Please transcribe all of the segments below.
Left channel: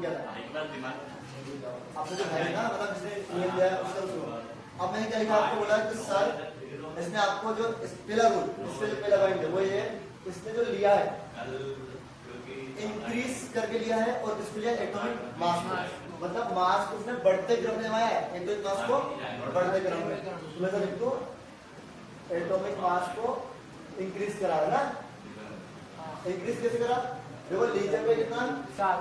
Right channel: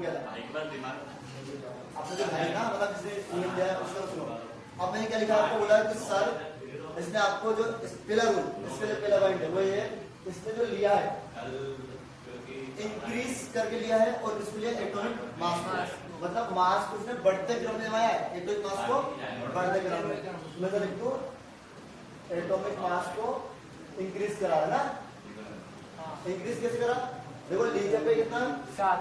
कौन क्या था? एक बार दिमाग आपने जो है ना मतलब जिसने नियम दिया है उसका सुनो। अब मैंने क्या लिखा आपको बोला है कि सर इसने आपको जो पहला रूल इसके जो पहला पॉइंट है वो ये इसने जो लिया है इंक्रीज करके लिया है और इसको लिया एटॉमिक मास को, मतलब मास को उसने बढ़ते क्रम में लगाया है, एटॉमिक मास को बढ़ते क्रम में। मैं तो लिख दूं एटॉमिक मास को इंक्रीज करा है ना। इंक्रीज कैसे करा? देखो लीथियम पे कितना 7,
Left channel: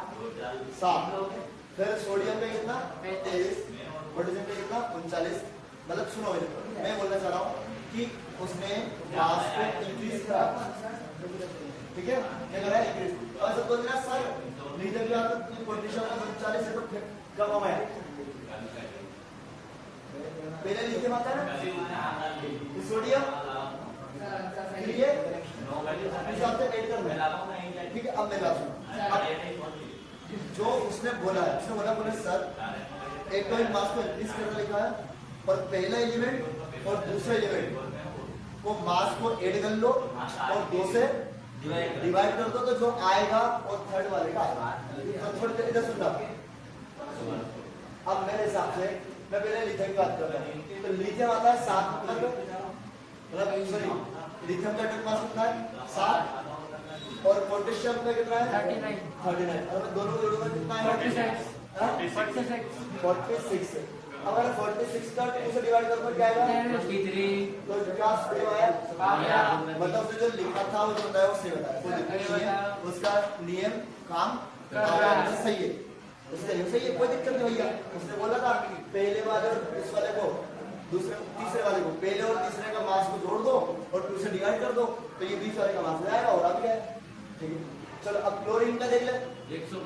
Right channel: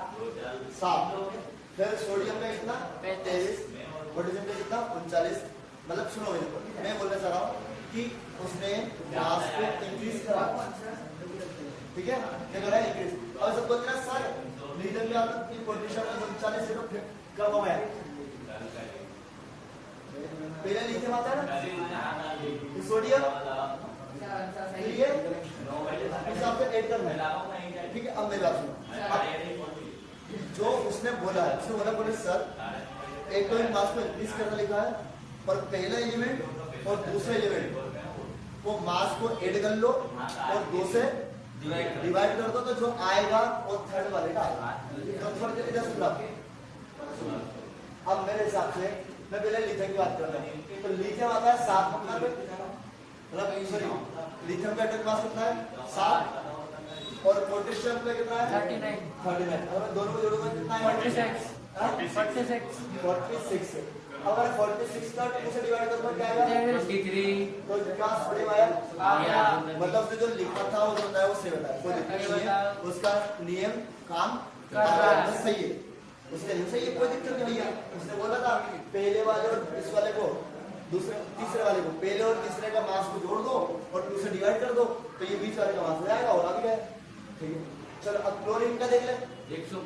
फिर सोडियम पे कितना 23, पोटेशियम पे कितना 39। मतलब सुनो मेरे को, मैं बोलना चाह रहा हूँ कि उसने मास को इंक्रीज करा, ठीक है? क्या करा है? इंक्रीज। और सब बोल रहा सर लीथियम की आदत की पोटेशियम में 39 है तो फिर कब कम है? पहले लीथियम आता है ना, सोडियम ठीक है, हिसाब से ऐड करना है, ठीक है? अब मेरी बात सुनो, जो उसने बोला है उसने बोला सर एटॉमिक मास को इंक्रीज करना लिखा है और पहला एलिमेंट और दूसरा एलिमेंट को मास को ऐड कर लो और 2 से डिवाइड कर दो तो जो आएगा वो थर्ड वाले का आएगा। तो थोड़ी देर इधर सुन लो। अब मेरे हिसाब से मैं पहले लिथियम की बात कर रहा हूँ, तो लिथियम आता है 7 नंबर पे, मतलब सॉरी लिथियम का एटॉमिक मास कितना है 7 और पोटेशियम पे कितना है 39। अगर मैं दोनों को जोड़ूंगा कितना है 46। अगर 46 का 2 से डिवाइड करूंगा क्या आएगा 23। तो क्या सेम आया? मतलब जो लिखा था वो जो होता है वो सेम होता है, कोई दिक्कत नहीं है, उसका नियम काम सही है, उसका नियम सही है, कोई दिक्कत नहीं भैया। उसने बोला था पहले वाले और इस वाले को दूसरे तीसरे वाले को पहले और तीसरे का मास को जोड़ दो और 2 से डिवाइड कर दो तो ये बीच वाले का मास जाएगा और आ गया, ठीक है? चलो अब क्लोरीन का देख ले। 100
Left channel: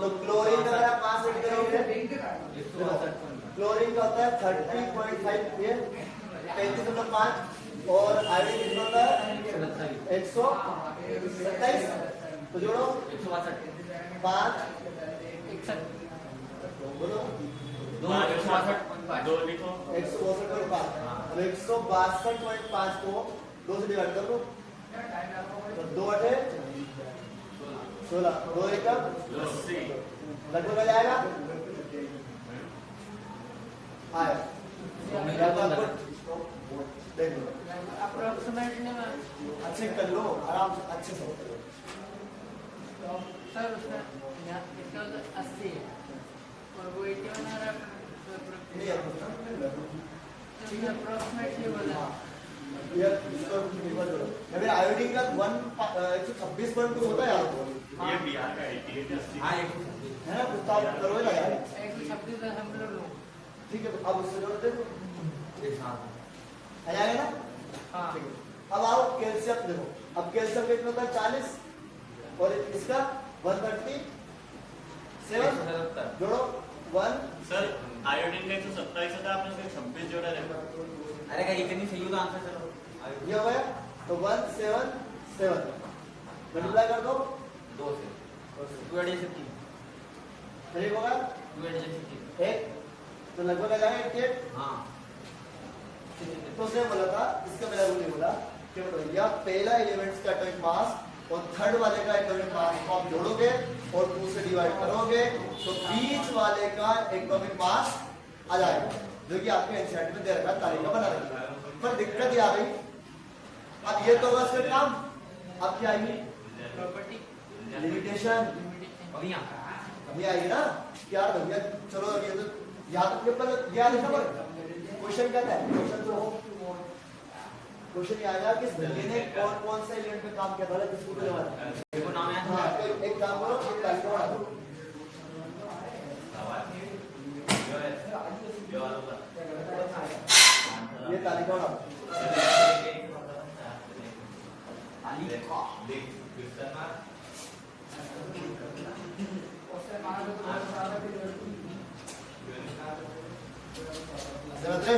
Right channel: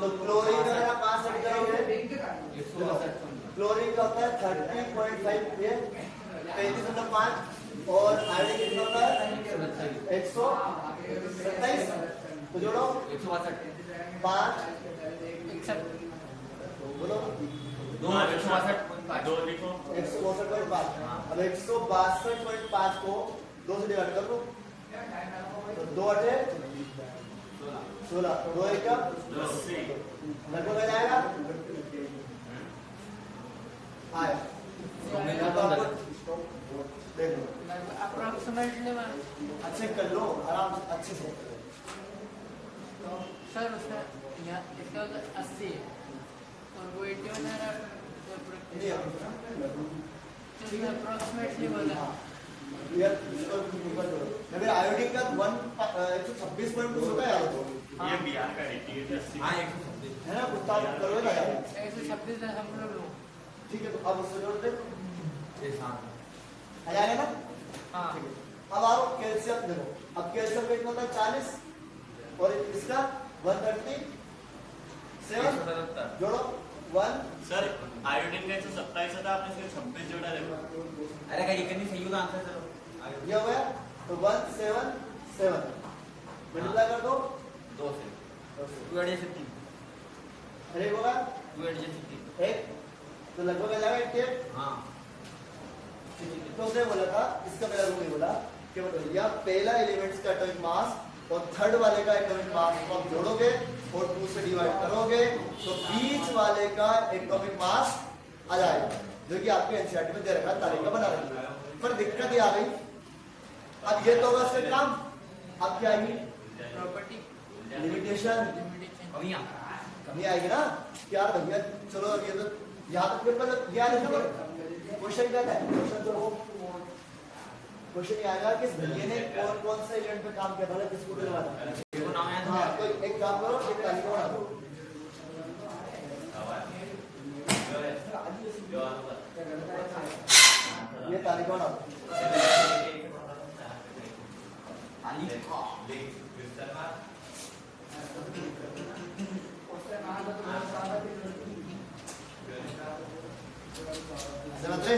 तो क्लोरीन का अगर आप मास ऐड करोगे क्लोरीन का होता है 30.5 ये 35.5 और आयोडीन कितना होता है 127। तो जोड़ो 5 बोलो 162.5। अब 162.5 को 2 से डिवाइड कर दो तो 2 8 16 2 1 लगभग आ जाएगा आया। देख लो अप्रोक्सीमेटली अच्छे कर लो आराम से अच्छे से। सर उसका 80 है और वो 81 आ रहा है नहीं ठीक है अप्रोक्सीमेटली बोला यार इसको निकल दो। या फिर आयोडीन का 126 पॉइंट कुछ होता है यार तो ये बिहार का 88 है ना, कुछ तो आप करो ना यार, 126 है हम लोग ठीक है? अब उससे जोड़ दे आ जाएगा ना, हाँ ठीक है? अब आओ कैल्शियम देखो, अब कैल्शियम का कितना होता है 40 और इसका 137 जोड़ो 1। सर आयोडीन का 127 था, आपने सिर्फ 26 जोड़ा है। अरे क्या ये नहीं सही होगा आंसर चलो ये हो गया तो 177 मल्टीप्लाई कर दो 2 से 280 फिर होगा 280 एक तो लगभग आ जाएगा 88। हाँ तो उसने बोला था इसका मेरा रूल नहीं बोला कि भैया पहला एलिमेंट्स का एटॉमिक मास और थर्ड वाले का एटॉमिक मास को आप जोड़ोगे और 2 से डिवाइड करोगे तो बीच वाले का एटॉमिक मास आ जाएगा, जो कि आपके एनसीईआरटी में दे रखा है, तारीख बना रखी है। पर दिक्कत ये आ गई, अब ये तो होगा इसका काम, अब क्या आएगी प्रॉपर्टी लिमिटेशन, कमी आएगी ना कि यार भैया चलो अब ये तो यहाँ तक पेपर याद लिखा पर क्वेश्चन क्या था, क्वेश्चन तो हो क्वेश्चन ये आया कि भैया ने कौन कौन सा एलिमेंट पे काम किया था, किसको करवा था। हाँ तो एक काम करो, एक तालिका बना दो, ये तालिका बनाओ। समझ रहे?